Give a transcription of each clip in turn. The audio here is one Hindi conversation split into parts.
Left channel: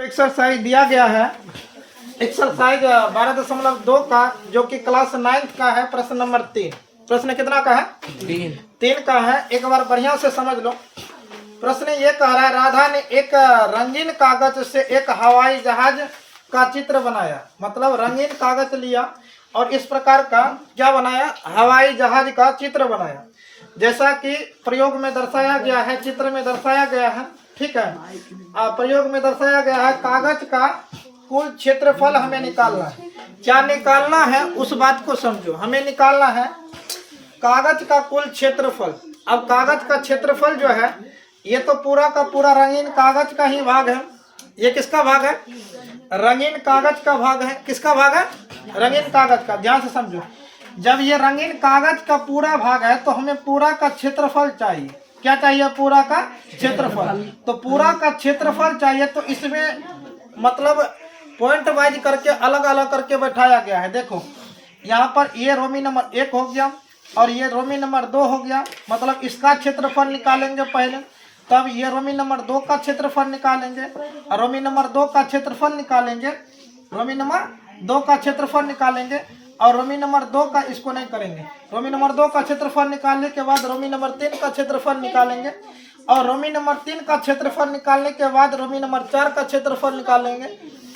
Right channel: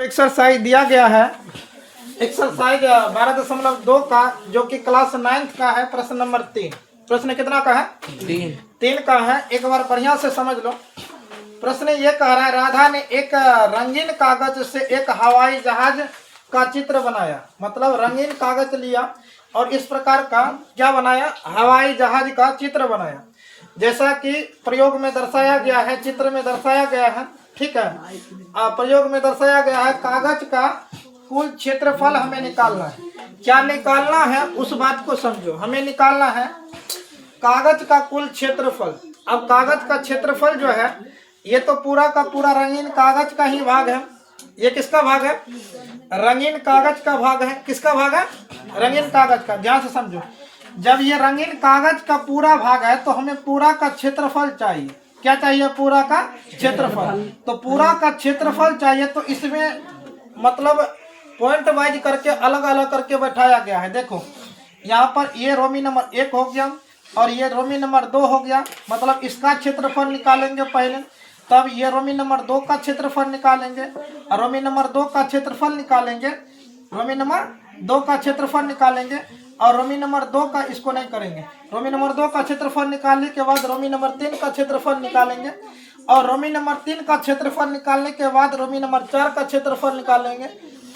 एक्सरसाइज दिया गया है एक्सरसाइज 12.2 का जो कि क्लास 9th का है। प्रश्न नंबर 3। प्रश्न कितना का है? 3 का है। एक बार बढ़िया से समझ लो। प्रश्न ये कह रहा है, राधा ने एक रंगीन कागज से एक हवाई जहाज का चित्र बनाया। मतलब रंगीन कागज लिया और इस प्रकार का क्या बनाया? हवाई जहाज का चित्र बनाया, जैसा कि प्रयोग में दर्शाया गया है, चित्र में दर्शाया गया है। ठीक है, प्रयोग में दर्शाया गया है। कागज का कुल क्षेत्रफल हमें निकालना है। क्या निकालना है उस बात को समझो। हमें निकालना है कागज का कुल क्षेत्रफल। अब कागज का क्षेत्रफल जो है, ये तो पूरा का पूरा रंगीन कागज का ही भाग है। ये किसका भाग है? रंगीन कागज का भाग है। किसका भाग है? रंगीन कागज का। ध्यान से समझो। जब ये रंगीन कागज का पूरा भाग है तो हमें पूरा का क्षेत्रफल चाहिए। क्या चाहिए? पूरा का क्षेत्रफल। तो पूरा का क्षेत्रफल चाहिए, तो इसमें मतलब पॉइंट वाइज करके अलग अलग करके बैठाया गया है। देखो यहाँ पर ये रोमी नंबर 1 हो गया और ये रोमी नंबर 2 हो गया। मतलब इसका क्षेत्रफल निकालेंगे पहले, तब ये रोमी नंबर 2 का क्षेत्रफल निकालेंगे और रोमी नंबर 2 का क्षेत्रफल निकालेंगे, रोमी नंबर 2 का क्षेत्रफल निकालेंगे और रोमी नंबर 2 का इसको नहीं करेंगे। रोमी नंबर 2 का क्षेत्रफल निकालने के बाद रोमी नंबर 3 का क्षेत्रफल निकालेंगे और रोमी नंबर 3 का क्षेत्रफल निकालने के बाद रोमी नंबर 4 का क्षेत्रफल निकालेंगे,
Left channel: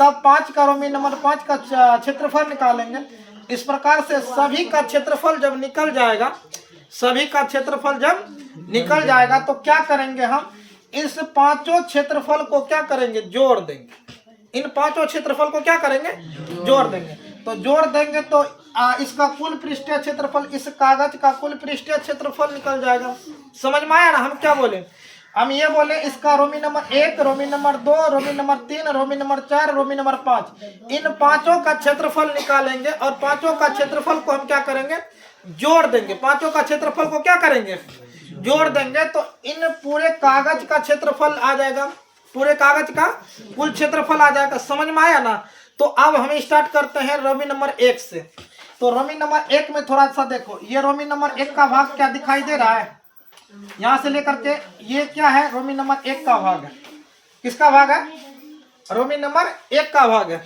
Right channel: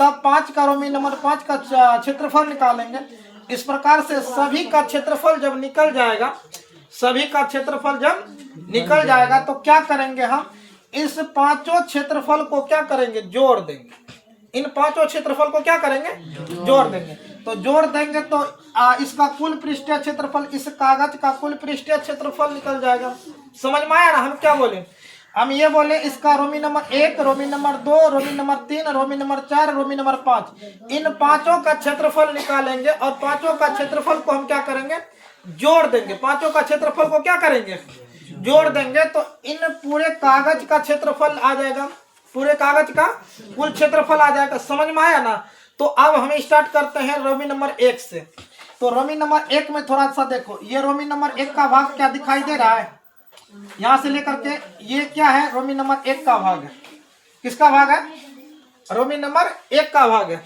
तब 5 का रोमी नंबर 5 का क्षेत्रफल निकालेंगे। इस प्रकार से सभी का क्षेत्रफल जब निकल जाएगा, सभी का क्षेत्रफल जब निकल जाएगा तो क्या करेंगे? हम इस पांचों क्षेत्रफल को क्या करेंगे? जोड़ देंगे। इन पांचों क्षेत्रफल को क्या करेंगे? जोड़ देंगे। तो जोड़ देंगे तो इसका कुल पृष्ठीय क्षेत्रफल, इस कागज का कुल पृष्ठीय क्षेत्रफल निकल जाएगा। समझ में आया ना? हम क्या बोले? हम ये बोले इसका रोमी नंबर 1, रोमी नंबर 2, रोमी नंबर 3, रोमी नंबर 4, रोमी नंबर 5, इन पांचों का क्षेत्रफल निकालेंगे और पांचों का क्षेत्रफल को हम क्या करेंगे? जोड़ देंगे। पांचों का क्षेत्रफल को क्या करेंगे? जोड़ देंगे। तो इन पूरे कागज का क्षेत्रफल आ जाएगा, पूरे कागज का कुल क्षेत्रफल आ जाएगा। समझ में आया ना? तो अब हम स्टार्ट करते हैं रोमी नंबर 1 से। तो रोमी नंबर 1 में थोड़ा सा देखो, ये रोमी नंबर 1 का भाग क्या दिखाई दे रहा है? यहां से लेकर के ये क्या है? रोमी नंबर 1 का भाग है। किसका भाग है? रोमी नंबर 1 का भाग है।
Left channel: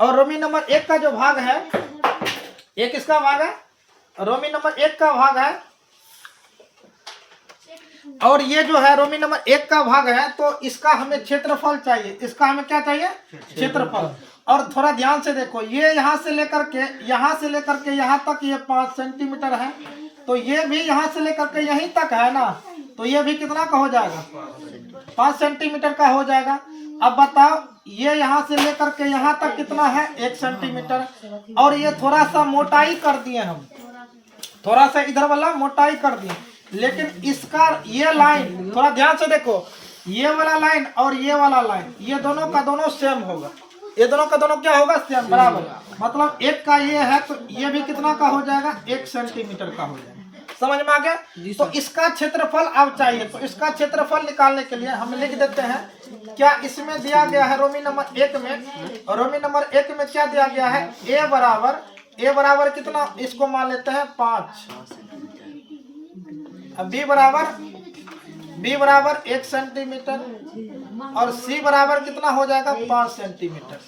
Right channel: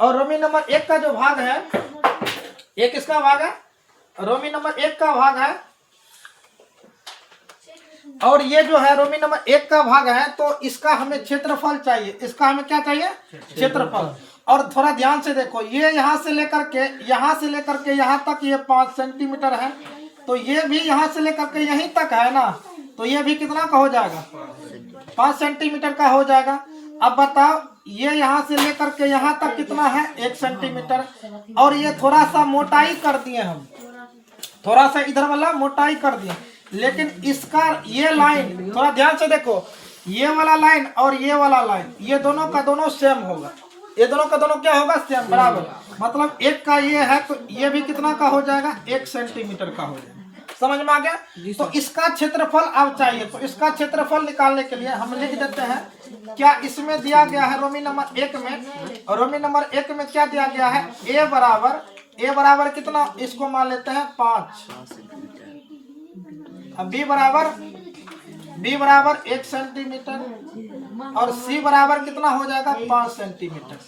और रोमी नंबर 1 का जो भाग है, ये किसका भाग है? रोमी नंबर 1 का भाग है। और ये जो है रोमी नंबर 1 का भाग है, तो इसका हमें क्षेत्रफल चाहिए। इसका हमें क्या चाहिए? क्षेत्रफल। और थोड़ा ध्यान से देखो, ये यहाँ से लेकर के यहाँ तक ये 5 सेंटीमीटर है, तो ये भी यहाँ से लेकर के यहीं तक है ना, तो ये भी कितना का हो जाएगा? 5 सेंटीमीटर का हो जाएगा। अब बताओ, ये यहाँ से लेकर के यहाँ तक कितना है? 1 सेंटीमीटर। और ये थोड़ा सा मोटाई कर दिए हम, थोड़ा सा इधर वाला मोटाई कर दिए, लेकिन इसका ये लाइन थोड़ा ध्यान से देखो, ये वाला लाइन और ये वाला लाइन, ये दोनों का दोनों सेम होगा। ये दोनों का दोनों क्या होगा? सेम, बराबर। मतलब एक का ये है तो ये भी कितना का हो जाएगा? 1 सेंटीमीटर का हो जाएगा। समझ में आ गया? तो इसका क्षेत्रफल अब चाहिए। तो इसका क्षेत्रफल निकालने के लिए हम लिख देते हैं, क्या इसमें दिया गया है रोमी नंबर 1 में, और रोमी नंबर 1 में क्या दिया गया है? ए बराबर कितना? इसको मान लेते हैं 5। अब बी बराबर 1 सेंटीमीटर और सी बराबर कितना हो जाएगा? 5 सेंटीमीटर।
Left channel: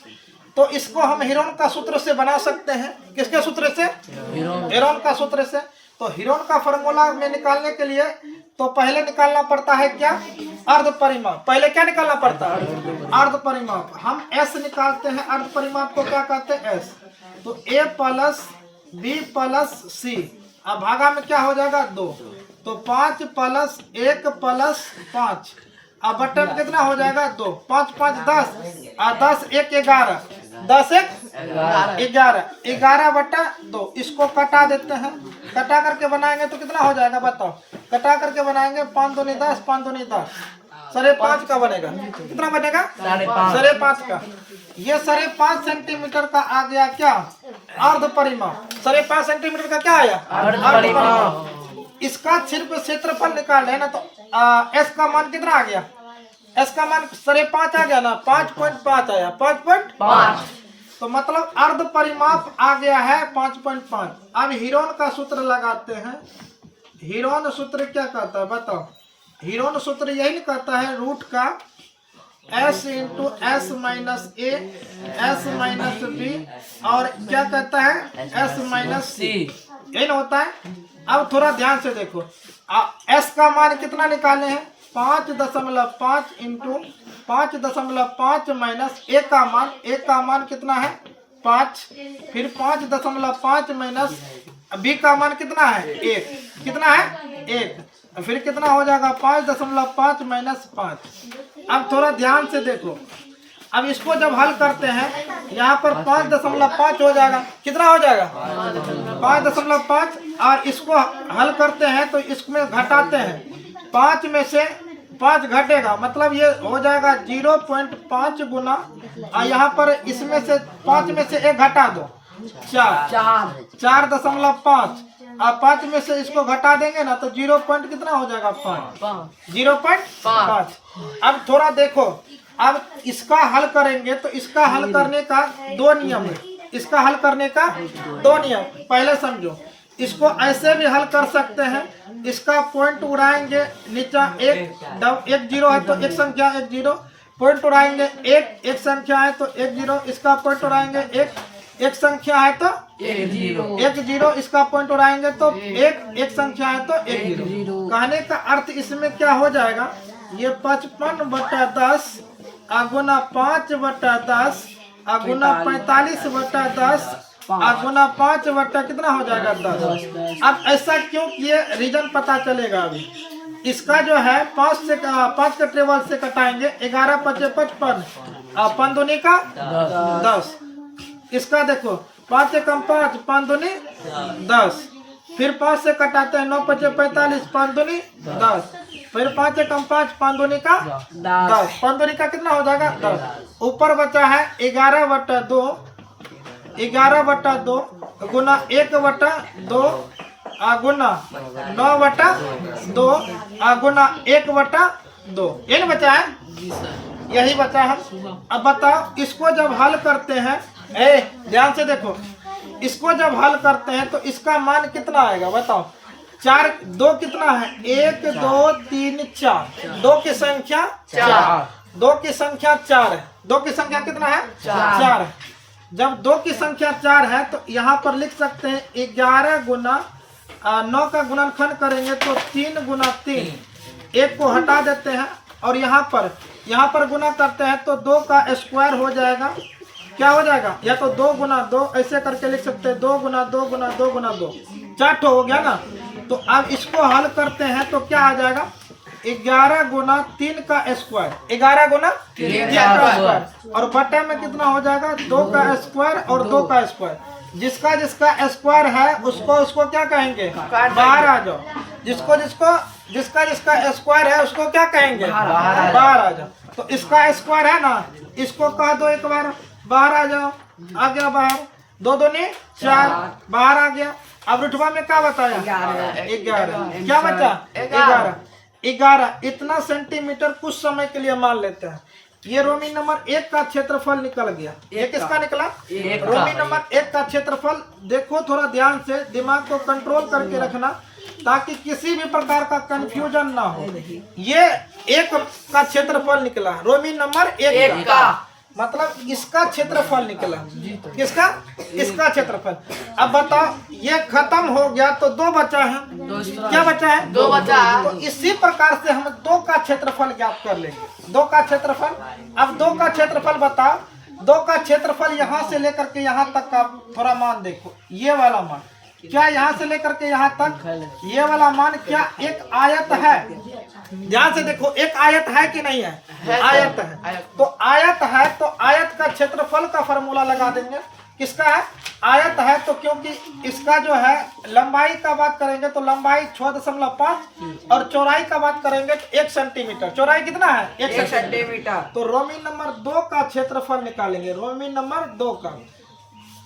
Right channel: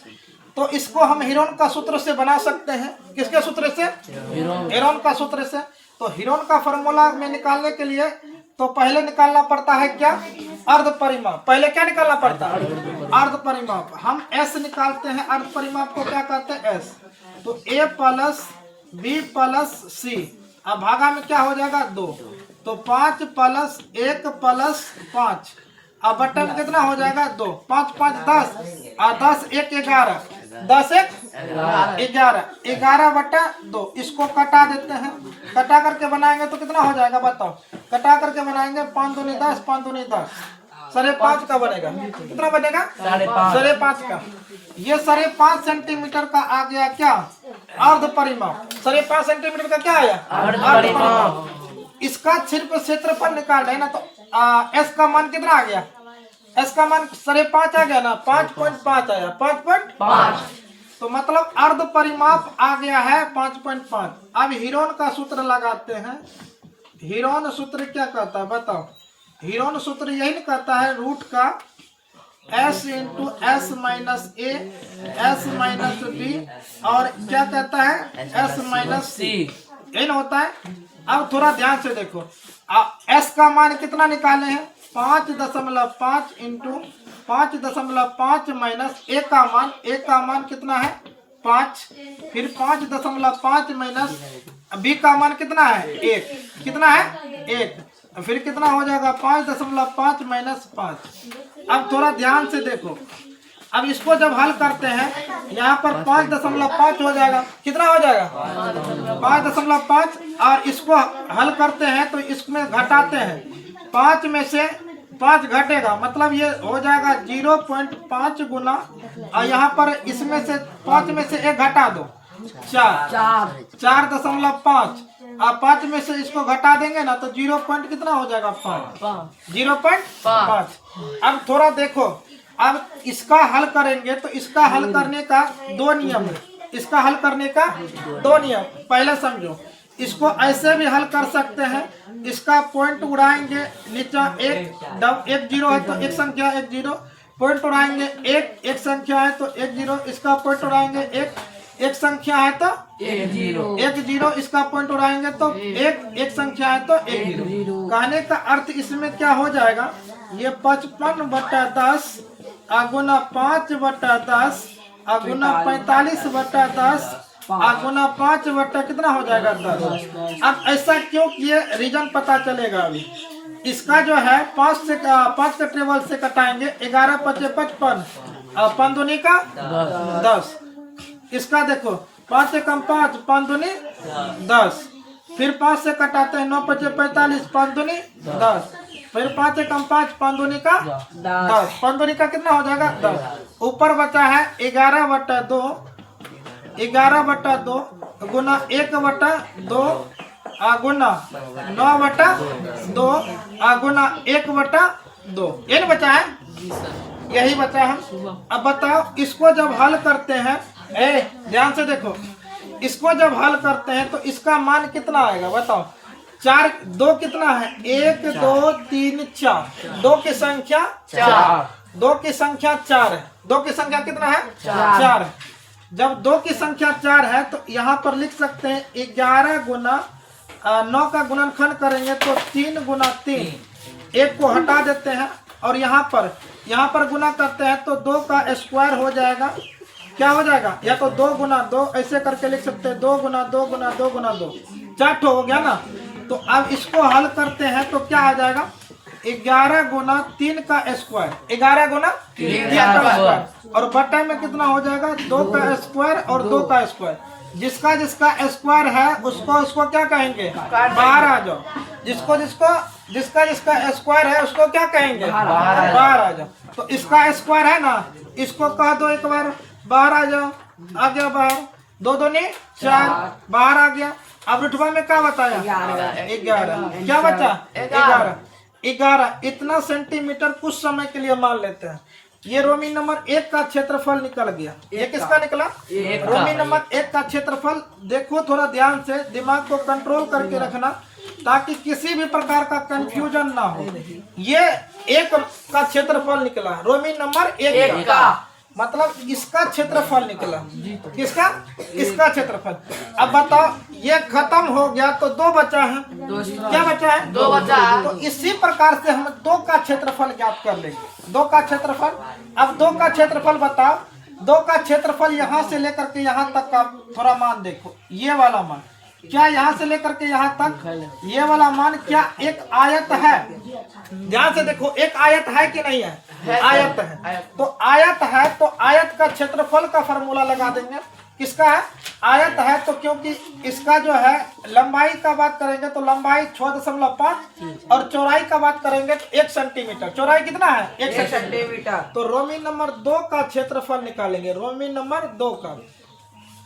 तो इसको हम हीरोन का सूत्र से बना सकते हैं। किसके सूत्र से? हीरोन का सूत्र से। तो हीरोन का फॉर्मूला में निकालने के लिए तो पहले निकालना पड़ता है क्या? अर्ध परिमाप। पहले क्या निकालना पड़ता है? अर्ध परिमाप। हम एस निकालते हैं। अर्ध परिमाप को क्या कहते हैं? एस। तो ए प्लस बी प्लस सी, अब भागा में क्या हो जाएगा? 2। तो 5 प्लस 1 प्लस 5, अब बटन कितना हो जाएगा? 2। 5 5 10 और 10 1 11, 10 1 11, 11 बटा 2। इसको कटा देते हैं। कटा करके बनाएंगे तो कितना हो जाएगा? बताओ। कटा करके बनाएंगे 5 दूनी 10, 5 दूनी 10, 5.5 का बनेगा। कितना बनेगा? 5.5 का। ये 5.5 सेंटीमीटर का आ गया क्या? अर्ध परिमाप। 5.5 सेंटीमीटर का क्या आया? अर्ध परिमाप। इसका सिर्फ क्षेत्रफल निकालना है ना, तो एस का मान कितना आ गया? एस का मान 5.5 आ गया ना, 5.5 आया, 5.5। तो मतलब अर्ध परिमाप आ गया है 5.5। अब हीरोन का सूत्र लगाते हैं। हीरोन सूत्र क्या कहता है बताओ? हीरोन सूत्र यही कहता है, रूट का s into s minus a s minus b और क्या कहता है एस माइनस सी, ये ना होता है। अब थोड़ा ध्यान से देखो, एस का मान कितना निकाले हैं 5.5 इंटू 5.5 माइनस ए का मान कितना है 5, फिर 5.5 माइनस बी का मान कितना है 1, कितना है 1, फिर कितना हो जाएगा 5.5 माइनस 5। अब थोड़ा ध्यान से देखो, अब इसको जब हल करते हैं यहाँ पर 5.5 हो जाएगा, कितना हो जाएगा 5.5, और इसको हल करते हैं तो इसमें घटाते हैं 5 में से 5 घटेगा, मतलब ये हो जाएगा 0.5 गुना, और यहाँ पर इसमें से 5 में से 1 घटा दो 4.5, और 5 में से इसको घटा देंगे ना तो 0 पॉइंट कितना हो जाएगा 5, 0.5। अब थोड़ा देखो, अब इसका हल करेंगे तो इसका हल करने का 2 नियम है, इसका हल करने का 2 नियम पहले समझो। इसको ऐसे भी हल कर सकते हैं, इसका पॉइंट उड़ाएंगे नीचे, एक जीरो है तो एक संख्या 1 0 पॉइंट उड़ाएंगे, एक संख्या है तो 1 0 इसका पॉइंट उड़ाएंगे, एक संख्या है तो 1 0 इसका पॉइंट उड़ाएंगे, तो एक संख्या है तो 1 0। कहने का अर्थ इसमें क्या हो जाएगा, ये 55/10 गुना 5/10 गुना 45/10 गुना 5 कितना हो जाएगा 10। अब ऐसा क्यों किए, रीजन पता चलेगा अभी। इसका जो है 5 के टेबल से कटाएंगे, 11 5 55 और 5 दूनी का 10। इसका देखो 5 से कम 5, 5 दूनी 10, फिर 5 से कटाते हैं 9 5 45, 5 दूनी 10, फिर 5 से कम 5, 5 दूनी का 10, 5 दूनी का कितना हो जाएगा 10। ऊपर बचा है 11/2 गुना 1/2 गुना 9/2 गुना 1/2, ये नहीं बचा है, यही बचा है। अब बताओ इसको जब हल करते हैं, ध्यान से देखो, इसको जब हल करते हैं तो इसका मान कितना आएगा बताओ। 4 2 कितना है 1 2 3 4, 2 की संख्या 4, 2 की संख्या 4 है, 2 की संख्या कितना है 4। जब 2 की संख्या 4 है तो यहाँ पर लिख सकते हैं 11 गुना 9 का गुणनखंड करेंगे तो 3 गुना 3, 1 को हटा देते हैं और यहाँ पर गुना करते हैं तो 2 का स्क्वायर हो जाएगा, क्या हो जाएगा, या तो 2 गुना 2 ऐसे करके लिख सकते हैं, 2 गुना 2 गुना 2 गुना 2, 4 हो गया ना। तो अब इसको हल करते हैं तो क्या आ जाएगा 11 गुना 3 का स्क्वायर, 11 गुना 3 का स्क्वायर, और बटा में कितना हो जाएगा 2 का स्क्वायर और 2 का स्क्वायर। जिसका स्क्वायर है उसको क्या कहेंगे बाहर आ जाओ, जिसका स्क्वायर है उसको क्या कहेंगे बाहर आ जाओ। तो इसका स्क्वायर है ना, इसको कह दो एक बार, बाहर आ जाओ, आ गया बाहर, 2 दूनी 4 बाहर आ गया। अब रुठवा में क्या बताया 11, क्या बचा 11 इतना सेंटीमीटर कुछ समय के लिए मान लेते हैं। ये रोमी नंबर 1 का क्षेत्रफल निकल गया। ये किसका निकला रोमी नंबर 1 का क्षेत्रफल। देखो थोड़ा ध्यान से, दिमाग को कंट्रोल करके रखना ताकि किसी भी प्रकार का कंफ्यूजन ना हो। ये 1 का क्षेत्रफल निकला, रोमी नंबर 1 का, मतलब इसका क्षेत्रफल निकला। किसका इसका क्षेत्रफल। अब बताओ ये खत्म हो गया तो 2 बचा है, क्या बचा है 2 बचा है। तो इसी प्रकार से हम 2 का क्षेत्रफल ज्ञात कर लेंगे। 2 का क्षेत्रफल, अब 2 का क्षेत्रफल बताओ। 2 का क्षेत्रफल यहाँ से लेकर के यहाँ तक का थोड़ा मान देखो, ये वाला मान क्या यहाँ से लेकर के यहाँ तक ये वाला मान क्या एक आयत है। ध्यान से देखो एक आयत है कि नहीं है, आयत है। तो आयत है तो आयत का क्षेत्रफल का फॉर्मूला लगा देंगे। किसका है आयत है तो, क्योंकि इसका जो है लंबाई का बात करेंगे तो लंबाई 6.5 और चौड़ाई का बात करेंगे तो 1 सेंटीमीटर। चौड़ाई कितना है 1 सेंटीमीटर। तो रोमी नंबर 2 का क्षेत्रफल निकालेंगे। रोमी नंबर 2 का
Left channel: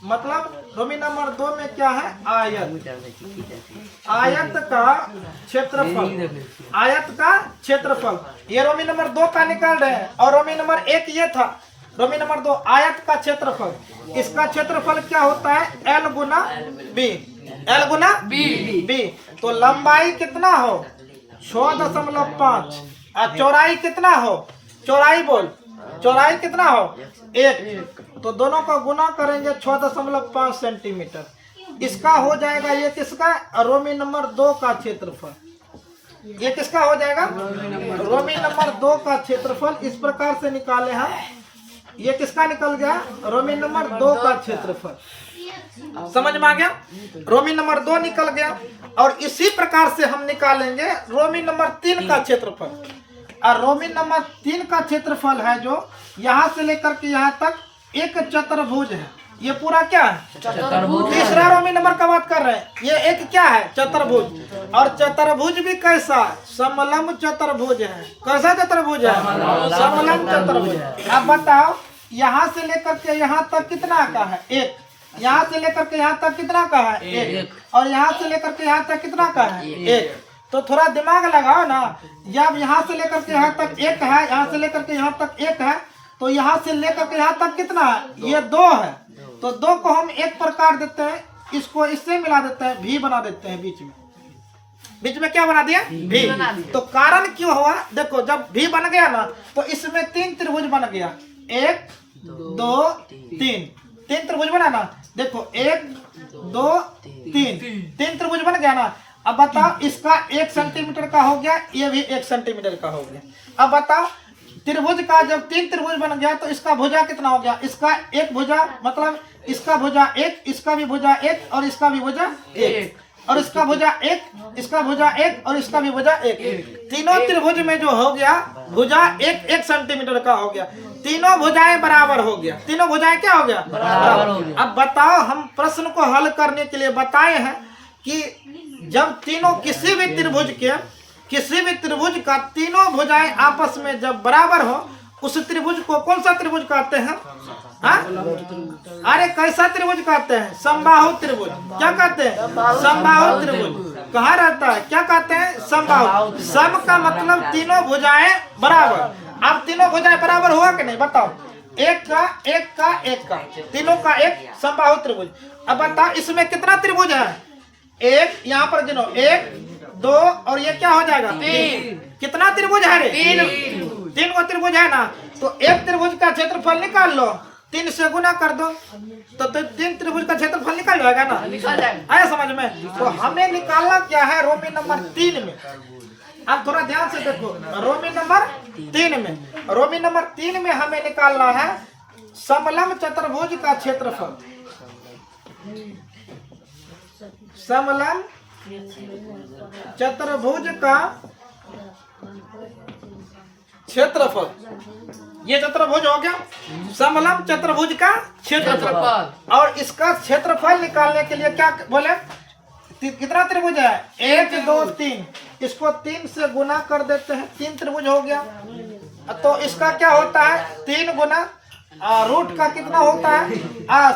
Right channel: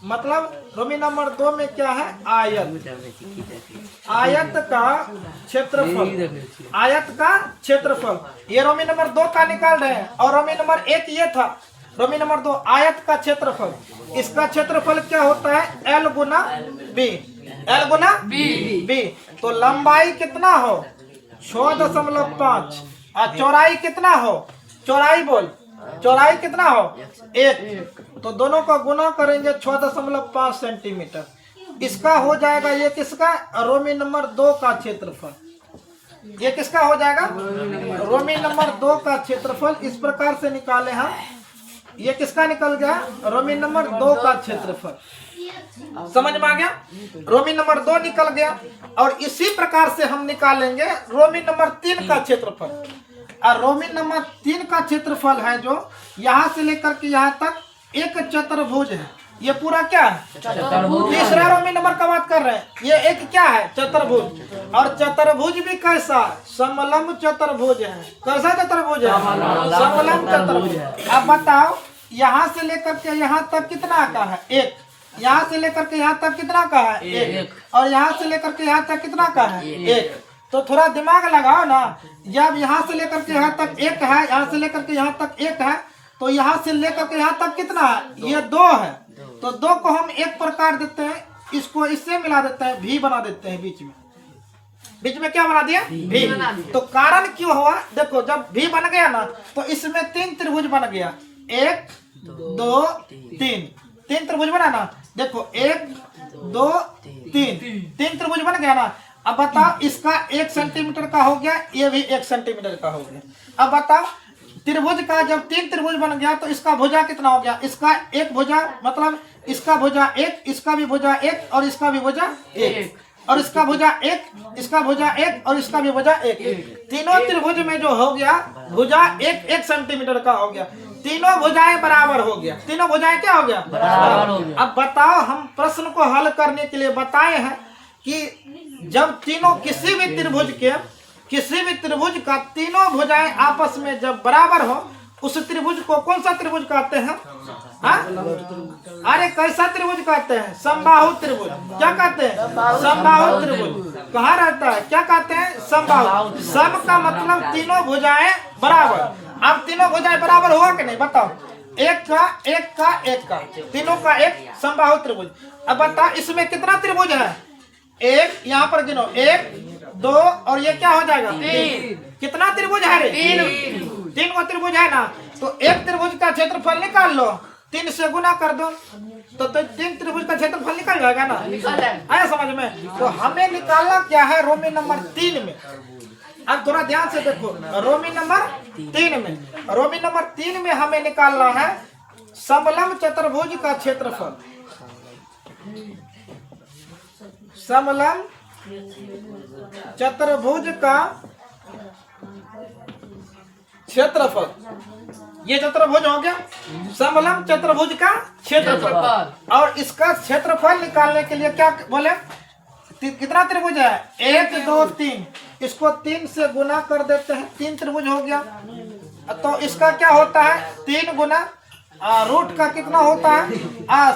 मतलब रोमी नंबर 2 में क्या है आयत, आयत का क्षेत्रफल, आयत का क्षेत्रफल। ये रोमी नंबर 2 का निकाल रहे हैं और रोमी नंबर 1 ये था। रोमी नंबर 2 आयत का क्षेत्रफल, इसका क्षेत्रफल क्या होता है L गुना B, L गुना B। तो लंबाई कितना हो 6.5 और चौड़ाई कितना हो, चौड़ाई बोल चौड़ाई कितना हो 1, तो दोनों का गुना करेंगे 6.5 सेंटीमीटर। इसका हो जाएगा ये किसका रोमी नंबर 2 का क्षेत्रफल। ये किसका हो जाएगा रोमी नंबर 2 का क्षेत्रफल। इस प्रकार से निकाले हम। ये किसका निकल गया रोमी नंबर 2 का क्षेत्रफल। समझ में आ गया। रोमी नंबर 2 निकल गया। और इसी प्रकार से हम निकालेंगे रोमी नंबर 3 का क्षेत्रफल। और रोमी नंबर 3 का क्षेत्रफल है जो यहाँ से लेकर के यहाँ तक एक चतुर्भुज है। ये पूरा क्या है चतुर्भुज। तीसरा रोमी नंबर का बात कर रहे हैं। ये एक क्या है चतुर्भुज। और चतुर्भुज भी कैसा समलंब चतुर्भुज है। कैसा चतुर्भुज है समलंब चतुर्भुज। अब बताओ यहाँ से लेकर के यहाँ तक कितना का है 1, यहाँ से लेकर के यहाँ तक कितना का है 1, और यहाँ से लेकर के यहाँ तक कितना का है 1। तो थोड़ा दिमाग लगाओ ना। जब यहाँ से लेकर के यहाँ तक 1 है, यहाँ से लेकर के यहाँ तक 1 है, तो यहाँ से लेकर के यहाँ तक कितना है ये 2 है। तो 2 को हम एक प्रकार देते हैं, इसको इससे मिला देते हैं, भी बना देते हैं। बीच में क्या बना दिया भी। तो कारण क्यों हुआ देखो, जब भी बन गया ना तो इसमें 3 त्रिभुज बन गया। 1 2 3 3 त्रिभुज बना ना। देखो 1 2 3 त्रिभुज बन गया ना। अब बताओ इसका 1 सेंटीमीटर का हो गया, ये भी 1 सेंटीमीटर का हो गया। अब बताओ त्रिभुज का जब 3 त्रिभुज बन गया तो इसका भुजा कितना हो गया। इसका 1 भुजा मतलब इसका भुजा 1, इसका भी भुजा 1, और इसका भी भुजा 1, और इसका भुजा 1, इसका भुजा 1, और इसका भी भुजा 1। तीनों त्रिभुज में जो हो गया भुजा 1 सेंटीमीटर का हो गया। तीनों भुजाएं बराबर हो गया। तीनों भुजाएं क्या हो गया बराबर हो गया। अब बताओ हम प्रश्न को हल करने के लिए बताए हैं कि जब तीनों किसी भी त्रिभुज का तीनों भुजाएं आपस में जब बराबर हो उस त्रिभुज को कौन सा त्रिभुज कहते हैं। अरे कैसा त्रिभुज कहते हैं समबाहु त्रिभुज। क्या कहते हैं समबाहु त्रिभुज। कहाँ रहता है क्या कहते हैं समबाहु। सम का मतलब तीनों भुजाएं बराबर। अब तीनों भुजाएं बराबर हुआ कि नहीं बताओ। एक का तीनों का एक समबाहु त्रिभुज। अब बताओ इसमें कितना त्रिभुज है 1, यहाँ पर गिनो 1 2 और ये क्या हो जाएगा 3। कितना त्रिभुज है रे 3 वो त्रिभुज है ना। तो एक त्रिभुज का क्षेत्रफल निकाल लो, 3 से गुना कर दो तो 3 त्रिभुज का क्षेत्रफल निकल जाएगा ना। आया समझ में। तो हमें निकालना क्या है रोमी नंबर 3 में। अब थोड़ा ध्यान से देखो रोमी नंबर 3 में। रोमी नंबर 3 में हमें निकालना है समलंब चतुर्भुज का क्षेत्रफल। समलंब चतुर्भुज का क्षेत्रफल। ये चतुर्भुज हो गया समलंब चतुर्भुज का क्षेत्रफल। और इसका क्षेत्रफल निकालने के लिए क्या बोले कितना त्रिभुज है 1 2 3। इसको 3 से गुना कर देते हैं, 3 त्रिभुज हो गया। तो इसका क्या होता है 3 गुना रूट का कितना होता है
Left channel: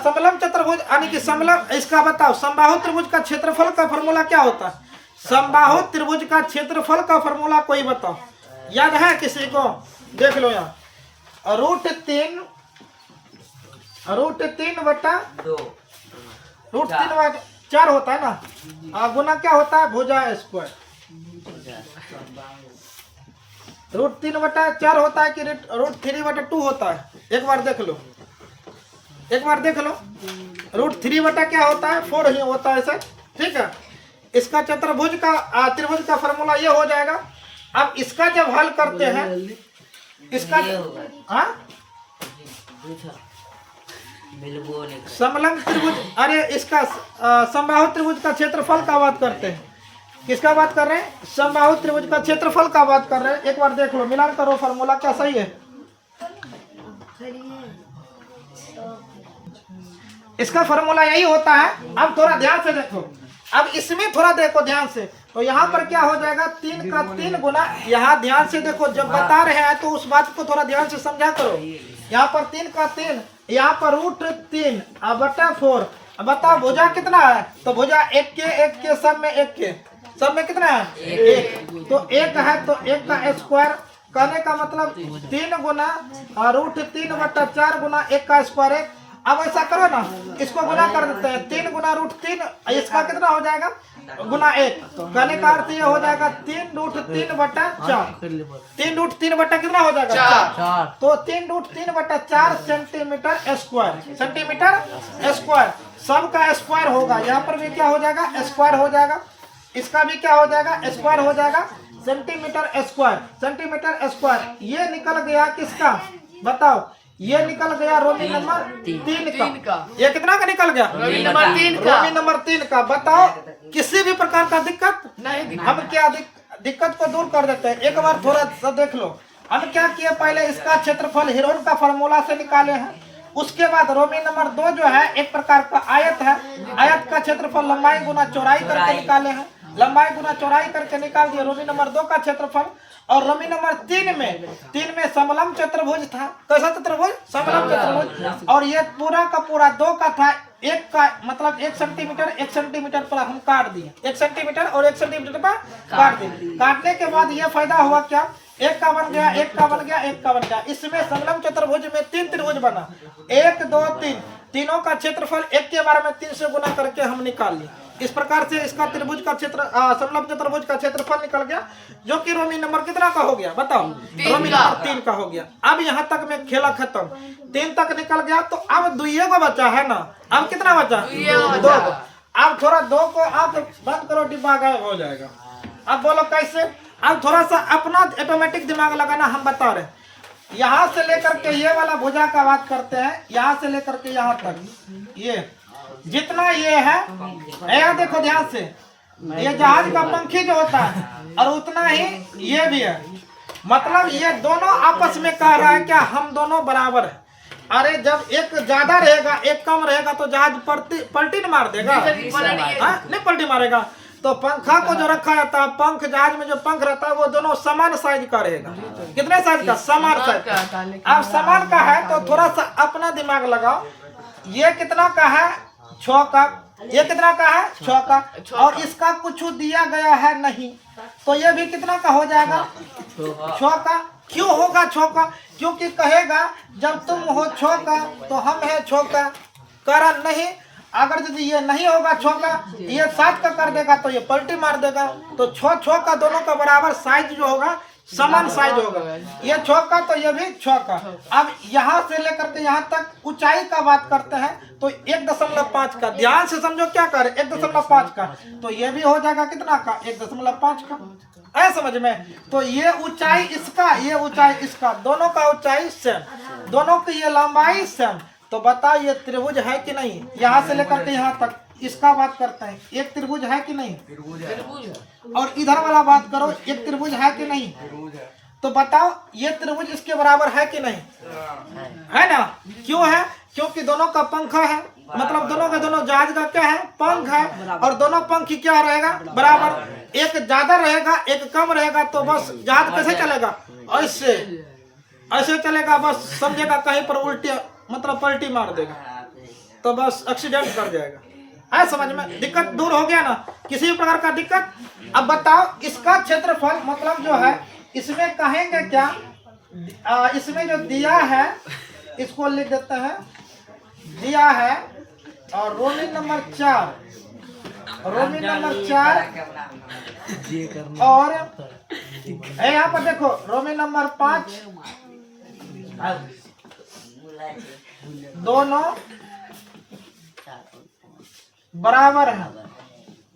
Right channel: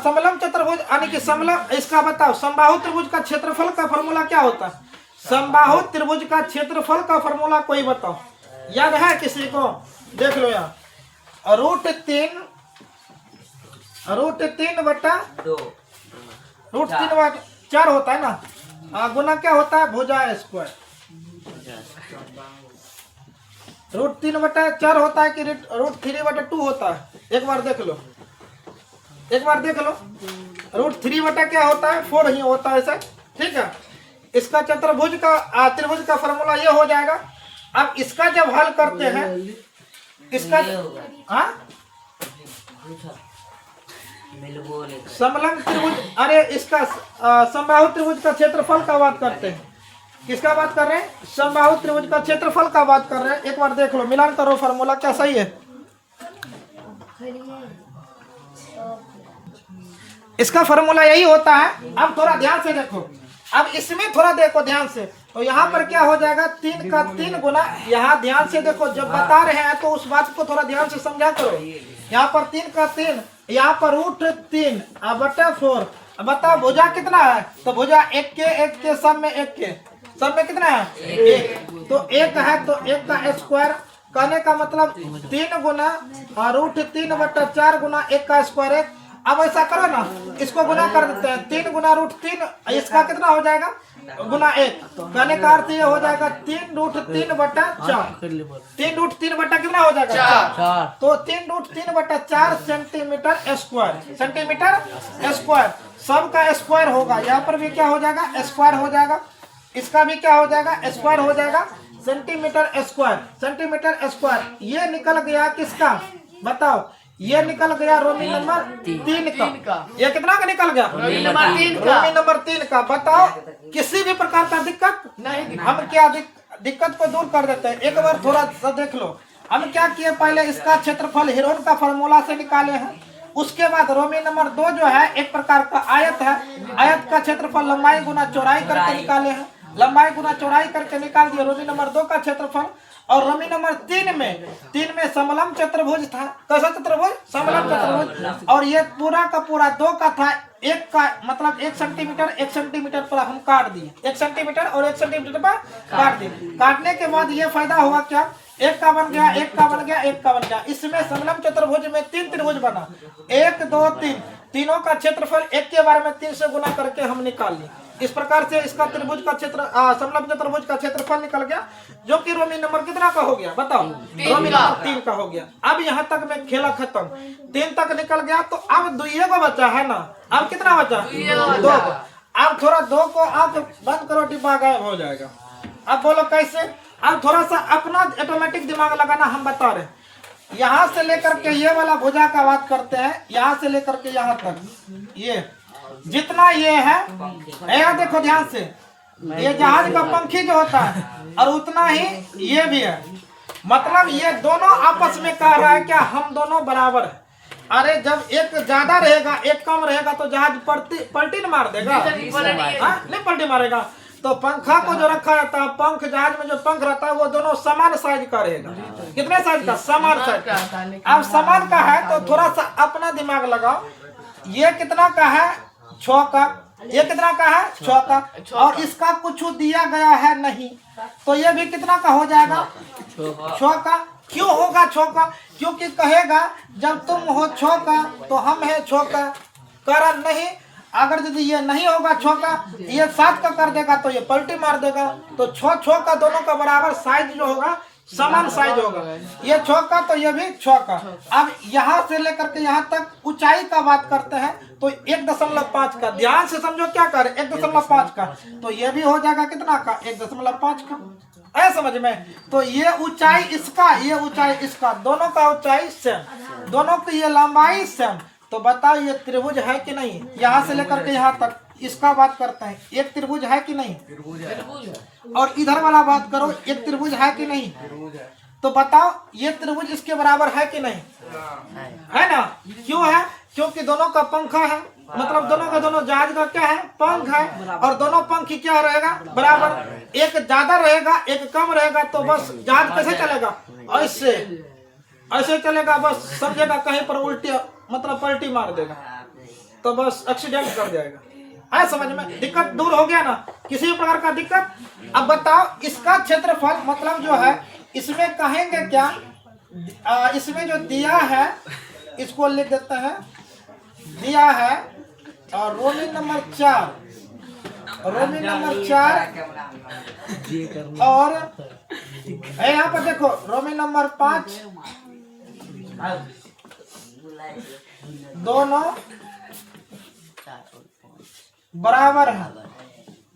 समलंब चतुर्भुज यानी कि समलंब। इसका बताओ समबाहु त्रिभुज का क्षेत्रफल का फॉर्मूला क्या होता है। समबाहु त्रिभुज का क्षेत्रफल का फॉर्मूला कोई बताओ, याद है किसी को। देख लो यहाँ रूट 3 बटा 4 होता है ना। गुना क्या होता है भुजा स्क्वायर। रूट 3 बटा 4 होता है कि रूट 3 बटा 2 होता है। एक बार देख लो रूट 3 बटा क्या होता है 4 ही होता है सर। ठीक है। इसका चतुर्भुज का त्रिभुज का फॉर्मूला ये हो जाएगा। अब इसका जब हल करते हैं इसका समलंब त्रिभुज अरे इसका समबाहु त्रिभुज का क्षेत्रफल का बात करते हैं। किसका बात कर रहे हैं समबाहु त्रिभुज का क्षेत्रफल का बात कर रहे हैं। एक बार देख लो मिलान करो फॉर्मूला क्या सही है। इसका फॉर्मूला यही होता है। अब थोड़ा ध्यान से देखो, अब इसमें थोड़ा देखो ध्यान से। तो यहाँ पर क्या हो जाएगा 3 का 3 गुना। यहाँ ध्यान से देखो जब बता रहे हैं तो उस बात को थोड़ा ध्यान से समझा करो। यहाँ पर 3 का 3, यहाँ पर रूट 3 बटा 4। अब बताओ भुजा कितना है तो भुजा 1 के सब में 1 के सब में कितना है 1। तो 1 है तो 1 का स्क्वायर। कहने का मतलब 3 गुना रूट 3 बटा 4 गुना 1 का स्क्वायर है। अब ऐसा करो ना इसको गुना कर देते हैं 3 गुना रूट 3। इसका कितना हो जाएगा गुना 1। कहने का अर्थ ये हो जाएगा 3√3/4। 3√3 कितना हो जाएगा 4। तो 3√3/4 सेंटीमीटर स्क्वायर। सेंटीमीटर स्क्वायर सबका स्क्वायर होगा। यहाँ पर भी क्या हो जाएगा स्क्वायर हो जाएगा, इसका भी क्या हो जाएगा स्क्वायर हो जाएगा। सेंटीमीटर स्क्वायर, सेंटीमीटर स्क्वायर ये निकल गया किसका बताओ, ये निकल गया रोमी नंबर 3 का। ये कितना का निकल गया रोमी नंबर 3 का। बताओ किसी भी प्रकार का दिक्कत नहीं। हम क्या दिक्कत को दूर कर देते हैं। एक बार थोड़ा सा देख लो, हम क्या किए पहले इसका क्षेत्रफल हेरोन का फार्मूला से निकाले हैं। उसके बाद रोमी नंबर 2 जो है एक प्रकार का आयत है, आयत का क्षेत्रफल लंबाई गुना चौड़ाई करके निकाले हैं। लंबाई गुना चौड़ाई करके निकाल दिए रोमी नंबर 2 का क्षेत्रफल। और रोमी नंबर 3 में समलंब चतुर्भुज था। कैसा चतुर्भुज समलंब चतुर्भुज। और ये पूरा का पूरा 2 का था, 1 का मतलब 1 सेंटीमीटर पर हम काट दिए। 1 सेंटीमीटर और 1 सेंटीमीटर पर काट दिए। काटने के बाद ये फायदा हुआ क्या, 1 का बन गया, 1 का बन गया, 1 का बन गया। इसमें समलंब चतुर्भुज में 3 त्रिभुज बना, 1 2 3। तीनों का क्षेत्रफल 1 के बारे में 3 से गुना करके हम निकाल लिए। इस प्रकार से इसका त्रिभुज का क्षेत्र समलंब चतुर्भुज का क्षेत्रफल निकल गया, जो कि रोमी नंबर कितना का हो गया बताओ, रोमी नंबर 3 का हो गया। अब यहाँ तक में खेला खत्म, 3 तक निकल गया। तो अब 2 को बचा है ना, अब कितना बचा 2। अब थोड़ा 2 को आप बंद करो, डिब्बा गायब हो जाएगा। अब बोलो कैसे। अब थोड़ा सा अपना ऑटोमेटिक दिमाग लगाना, हम बता रहे। यहाँ से लेकर के ये वाला भुजा का बात करते हैं, यहाँ से लेकर के यहाँ तक ये जितना ये है, देखो ध्यान से, ये जहाज का पंखी जो होता है और उतना ही ये भी है। मतलब ये दोनों आपस में कह रहा है क्या हम दोनों बराबर है। अरे जब एक ज्यादा रहेगा एक कम रहेगा तो जहाज पलटी न मार देगा, नहीं पलटी मारेगा। तो पंखा को जो रखा जाता है, पंख जहाज में जो पंख रहता है वो दोनों समान साइज का रहेगा। कितने साइज का, समान साइज का। अब समान का है तो थोड़ा सा अपना दिमाग लगाओ। ये कितना का है 6 का, ये कितना का है 6 का, और इसका कुछ दिया गया है नहीं, तो ये भी कितना का हो जाएगा 6 का। क्यों होगा 6 का, क्योंकि कहेगा जब तुम हो 6 का तो हम है 6 का। कारण नहीं, अगर यदि ये नहीं होगा 6 का, ये 7 का कर देगा तो ये पलटी मार देगा। तो 6 का दोनों का बराबर साइज जो होगा समान साइज होगा। ये 6 का तो ये भी 6 का। अब यहाँ से लेकर के यहाँ तक ऊंचाई का बात करते हैं तो 1.5 का, ध्यान से समझो क्या कर 1.5 का, तो ये भी हो जाएगा कितना का 1.5 का। है समझ में। तो ये ऊंचाई इसका, ये ऊंचाई इसका, दोनों का ऊंचाई सेम, दोनों की ये लंबाई सेम। तो बताओ ये त्रिभुज है कि नहीं। यहाँ से लेकर के यहाँ तक इसका बात करते हैं, एक त्रिभुज है कि नहीं, त्रिभुज है। और इधर वाला बात करो, एक त्रिभुज है कि नहीं, त्रिभुज है। तो बताओ ये त्रिभुज इसके बराबर है कि नहीं, है ना। क्यों है, क्योंकि दोनों का पंखा है, मतलब दोनों का दोनों जहाज का क्या है पंख है, और दोनों पंख की क्या रहेगा बराबर। एक ज्यादा रहेगा एक कम रहेगा तो बस जहाज कैसे चलेगा, ऐसे ऐसे चलेगा, बस समझेगा कहीं पर उल्टी मतलब पलटी मार देगा तो बस एक्सीडेंट कर जाएगा। है समझ में, दिक्कत दूर हो गया ना, किसी भी प्रकार का दिक्कत। अब बताओ इसका क्षेत्रफल मतलब जो है इसमें कहेंगे क्या, इसमें जो दिया है इसको लिख देते हैं, दिया है और रोमी नंबर 4, रोमी नंबर 4 और यहाँ पर देखो रोमी नंबर 5, दोनों बराबर है।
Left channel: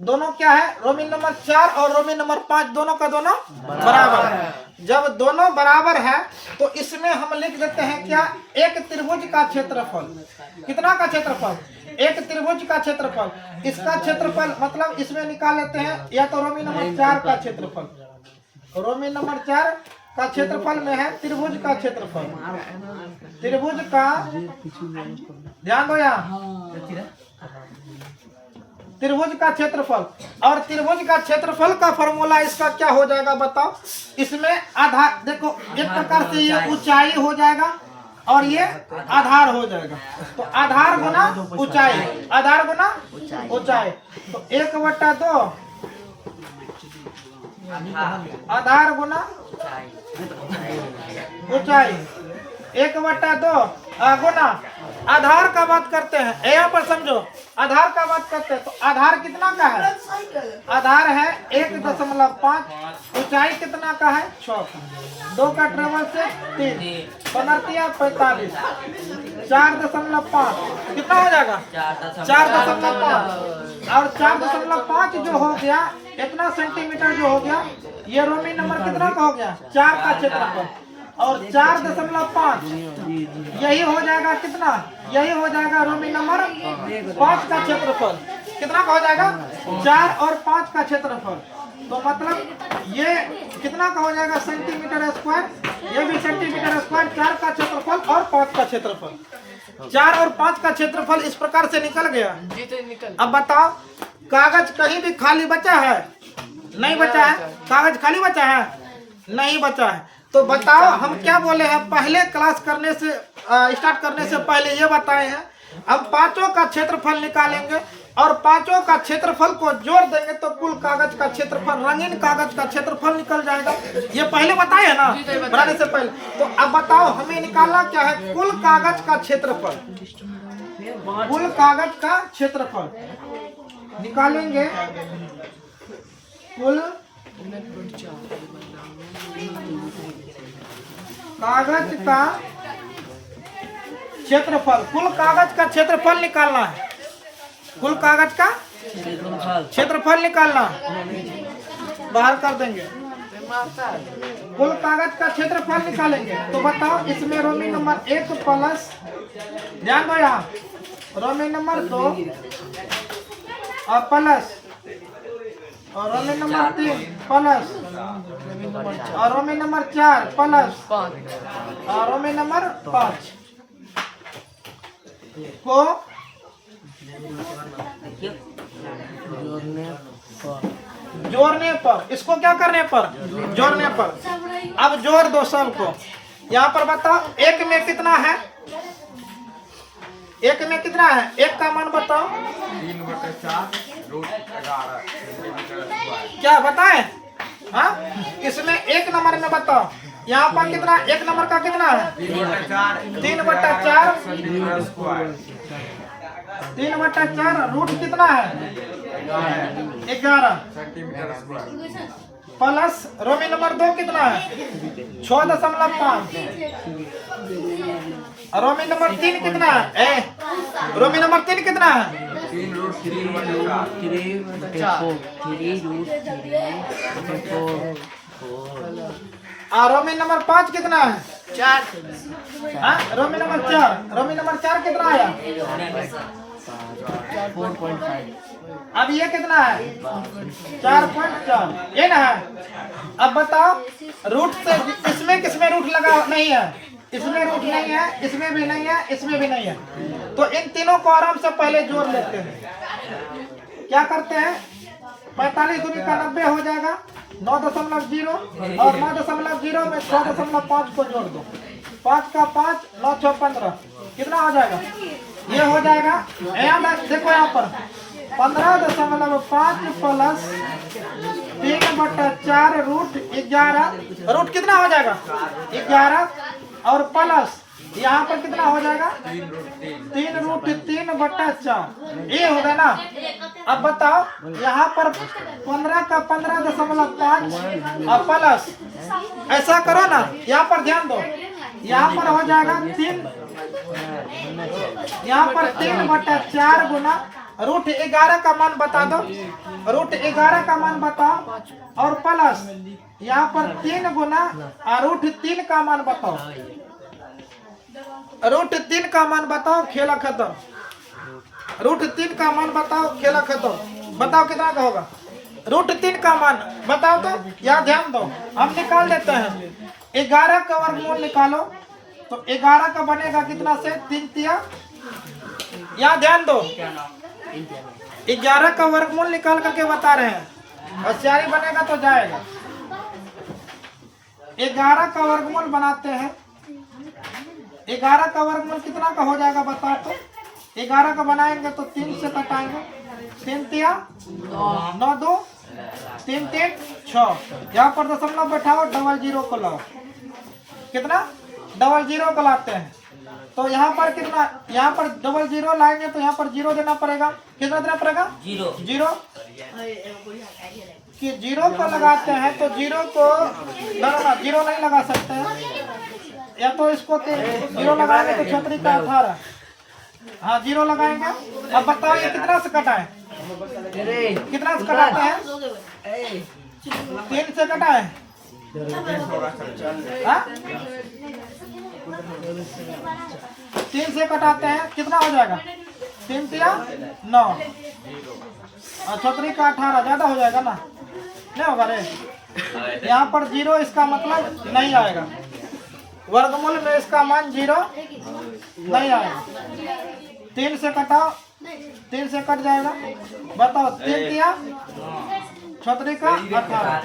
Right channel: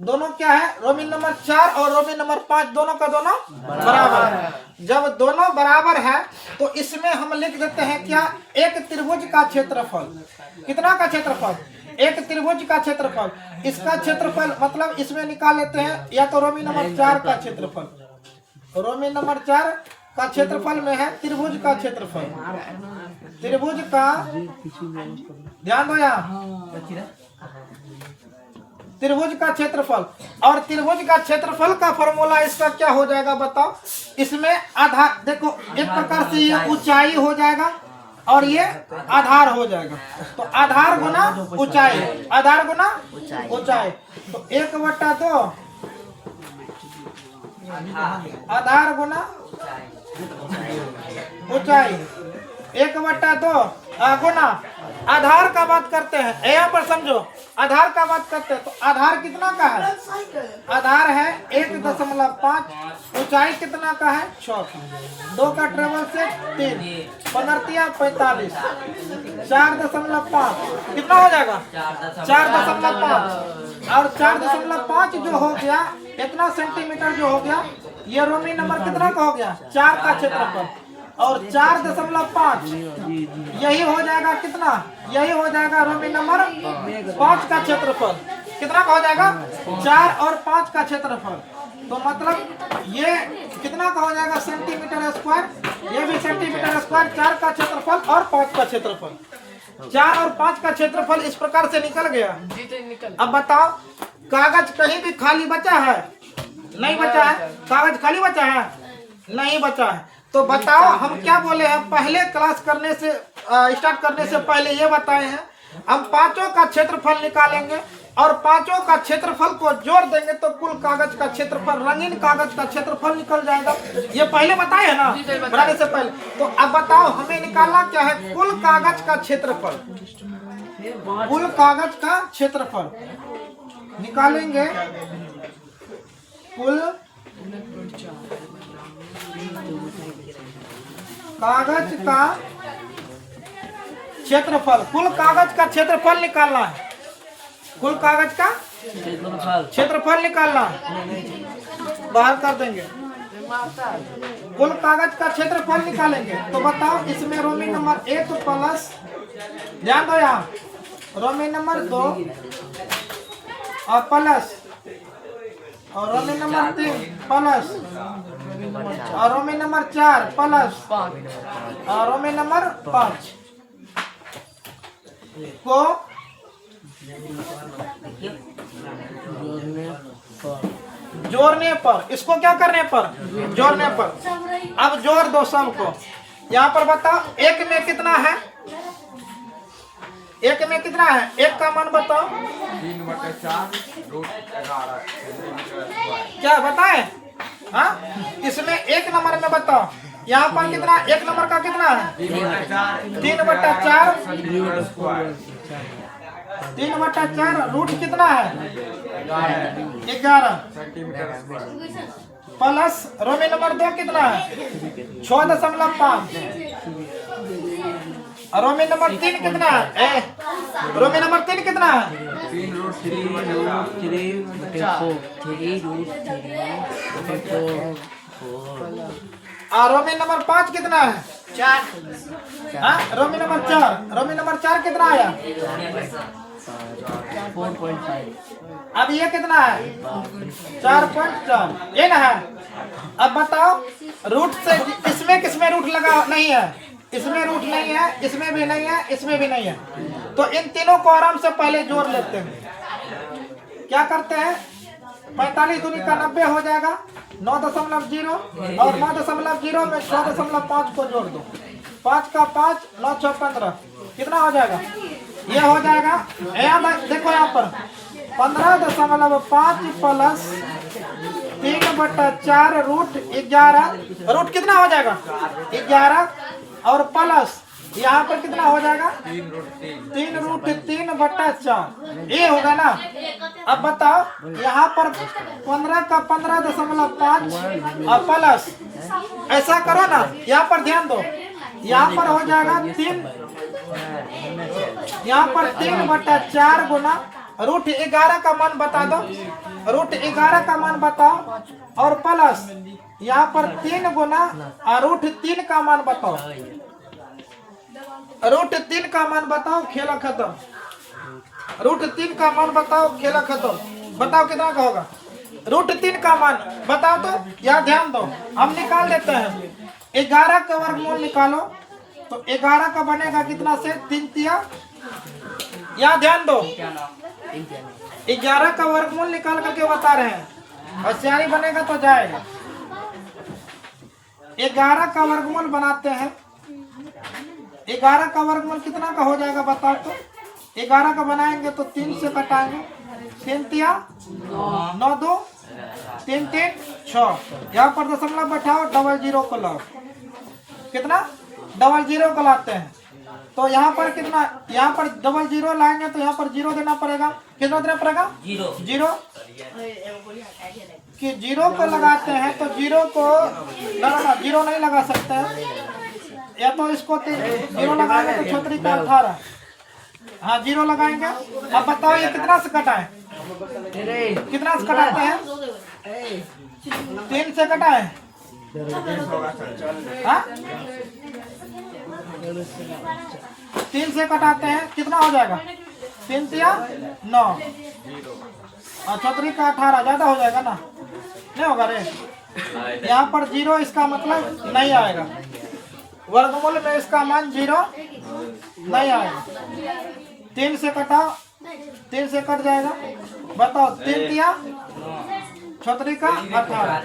दोनों क्या है, रोमी नंबर 4 और रोमी नंबर 5 दोनों का दोनों बराबर है। जब दोनों बराबर है तो इसमें हम लिख देते हैं क्या, एक त्रिभुज का क्षेत्रफल। कितना का क्षेत्रफल, एक त्रिभुज का क्षेत्रफल। इसका क्षेत्रफल मतलब इसमें निकाल लेते हैं, या तो रोमी नंबर 4 का क्षेत्रफल, रोमी नंबर 4 का क्षेत्रफल में है त्रिभुज का क्षेत्रफल, त्रिभुज का, ध्यान दो यहाँ, त्रिभुज का क्षेत्रफल। और त्रिभुज का क्षेत्रफल का फॉर्मूला इसका क्या हो जाएगा बताओ। इसमें आधार देखो, एक प्रकार से ये ऊंचाई हो जाएगा और ये आधार हो जाएगा। तो आधार गुना ऊंचाई, आधार गुना ऊंचाई, तो 1/2 आधार गुना ऊंचाई। 1/2 गुना आधार का बात करते हैं। यहाँ पर समझो आधार का बात करते हैं तो आधार कितना का है? आधार है 1.5, ऊंचाई कितना का है? 6। 2 का ट्रेवल से 3, 45, 4.5 कितना हो जाएगा? 4.5 और 4.5 जो हो गया इतना सेंटीमीटर जो हो गया, ये रोमी नंबर कितना का हो गया? 4 का क्षेत्रफल। और 4.5 यही हो जाएगा कितना? यही हो जाएगा रोमी नंबर 5 का क्षेत्रफल। कितना का हो जाएगा? 4 और 5 का क्षेत्रफल। तो मतलब ये कितना का हो जाएगा? Centimetre square. ये भी सेंटीमीटर स्क्वायर। 4 का क्षेत्रफल और 5 का क्षेत्रफल। 4 और 5 का क्षेत्रफल इस प्रकार से निकल गया। अब बताओ कागज कहीं भी खाली बचा है? नहीं बचा है। कागज खाली बचा है? नहीं बचा है। तो बताओ हम क्या बोले हैं? पहले क्लास करने से स्टार्ट करने से पहले ये बताए हैं हम पांचों का क्षेत्रफल निकालेंगे और पांचों का क्षेत्रफल को जोड़ देंगे तो कुल कागज का क्षेत्रफल, रंगीन कागज का क्षेत्रफल निकल जाएगा। ये पहले बताए है ना बनाने से पहले। तो अब बताओ हमें निकालना क्या है? कुल कागज का क्षेत्रफल। कुल कागज का क्षेत्रफल निकालेंगे। कुल कागज का क्षेत्रफल। कुल कागज का क्षेत्रफल निकालना है। कुल कागज का क्षेत्रफल निकालना बाहर कर देंगे। कुल कागज का क्षेत्रफल निकालेंगे तो बताओ इसमें रोमी नंबर 1 प्लस, ध्यान दो यहाँ, रोमी नंबर 2 और प्लस, और रोमी नंबर 3 प्लस, और रोमी नंबर 4 प्लस, और रोमी नंबर 5 को जोड़ने पर, इसको क्या करने पर? जोड़ने पर। अब जोड़ दो सबको। यहाँ पर बताओ एक में कितना है? एक में कितना है? एक का मान बताओ। 3/4√11 क्या बताएं? हाँ, इसमें एक नंबर में बताओ यहाँ पर कितना? एक नंबर का कितना है? 3/4 रूट कितना है? 11 प्लस रोमी नंबर 2 कितना है? 6.5। और रोमी नंबर 3 कितना है? रोमी नंबर 3 कितना है? 3√3/4 और रोमी नंबर 5 कितना है? 4। हाँ, रोमी नंबर 4। रोमी नंबर 4 कितना आया? 4.5। अब ये कितना है? 4.4। ये ना है। अब बताओ रूट से इसमें किसमें रूट लगा नहीं है? इसमें रूट नहीं है, इसमें भी नहीं है, इसमें भी नहीं है। तो इन तीनों को आराम से पहले जोड़ लेते हैं। क्या करते हैं? 45 दूनी का 90 हो जाएगा। 9.0 और 9.0 में 6.5 को जोड़ दो। 5 का 5, 9 6 15 कितना हो जाएगा? ये हो जाएगा। देखो यहाँ पर 15.5 प्लस 3/4√11 रूट कितना हो जाएगा? 11 और प्लस यहाँ पर कितना हो जाएगा? 3√3/4 ये होगा ना। अब बताओ यहाँ पर 15 का 15.5 और प्लस, ऐसा करो ना, यहाँ पर ध्यान दो, यहाँ पर हो जाएगा 3, यहाँ पर 3/4 गुना √11 का मान बता दो। √11 का मान बताओ और प्लस यहाँ पर 3 गुना √3 का मान बताओ। √3 का मान बताओ, खेला खत्म। √3 का मान बताओ, खेला खत्म। बताओ कितना का होगा? √3 का मान बताओ तो। यहाँ ध्यान दो, हम निकाल देते हैं। 11 का वर्गमूल निकालो तो 11 का बनेगा कितना से? 3 तिया। यहाँ ध्यान दो, 11 का वर्गमूल निकाल करके बता रहे हैं, होशियारी बनेगा तो जाएगा। 11 का वर्गमूल बनाते हैं। 11 का वर्गमूल कितना का हो जाएगा बताओ तो। 11 का बनाएंगे तो 3 से कटाएंगे। 3 तिया 9 2 3 3 6। यहाँ पर दशमलव बैठाओ, 00 को लाओ। कितना? डबल जीरो को लाते हैं तो यहाँ पर कितना, यहाँ पर डबल जीरो लाएंगे तो यहाँ पर जीरो देना पड़ेगा। कितना देना पड़ेगा? जीरो कि जीरो को लगाते हैं तो जीरो को ना जीरो नहीं लगा सकते हैं, या तो इसको जीरो लगाएंगे तो छतरी का 18। हाँ जीरो लगाएंगे। अब बताओ ये कितना से कटा है? कितना से कटाते हैं? 3 से कटा है। हाँ? 3 से कटाते हैं कितना हो जाएगा? 3 तिया 9 और छतरी का 18 ज्यादा हो जाएगा ना, नहीं होगा रे। यहाँ पर जीरो इसका मतलब नहीं आएगा, वर्गमूल में इसका मान जीरो नहीं आएगा। 3 से कटाओ, 3 से कट जाएगा। बताओ 3 तिया छतरी का 18।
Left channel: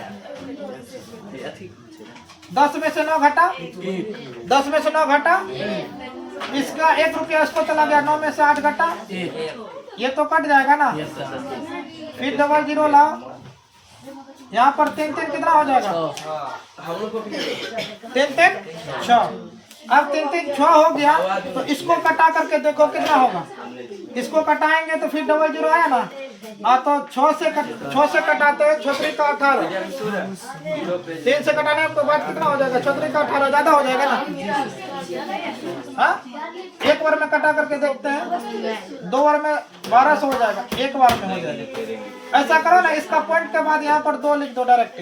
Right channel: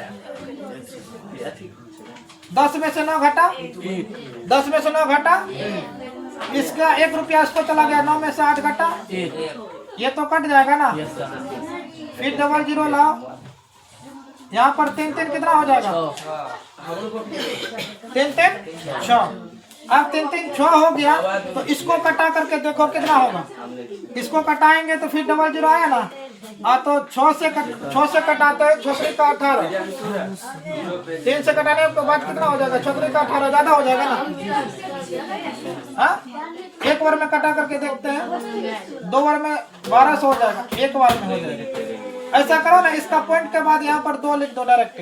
10 में से 9 घटा, 10 में से 9 घटा, इसका 1 रुपया इसको चला गया। 9 में से 8 घटा, ये तो कट जाएगा ना। फिर डबल जीरो लाओ, यहाँ पर 3 3 कितना हो जाएगा? 3 3 6। अब 3 3 6 हो गया तो इसको कटा करके देखो कितना होगा। इसको कटाएंगे तो फिर डबल जीरो आया ना। तो 6 से कटाते हैं छतरी का 18। 3 से कटाने के बाद कितना हो जाएगा? छतरी का 18 ज्यादा हो जाएगा ना। हाँ? एक बार में कटा करके देखते हैं, 2 बार में 1200 हो जाएगा, एक बार में हो जाएगा। ऐसा करो ना, इसका पॉइंट के बाद यहाँ पर 2 लिख दो डायरेक्ट।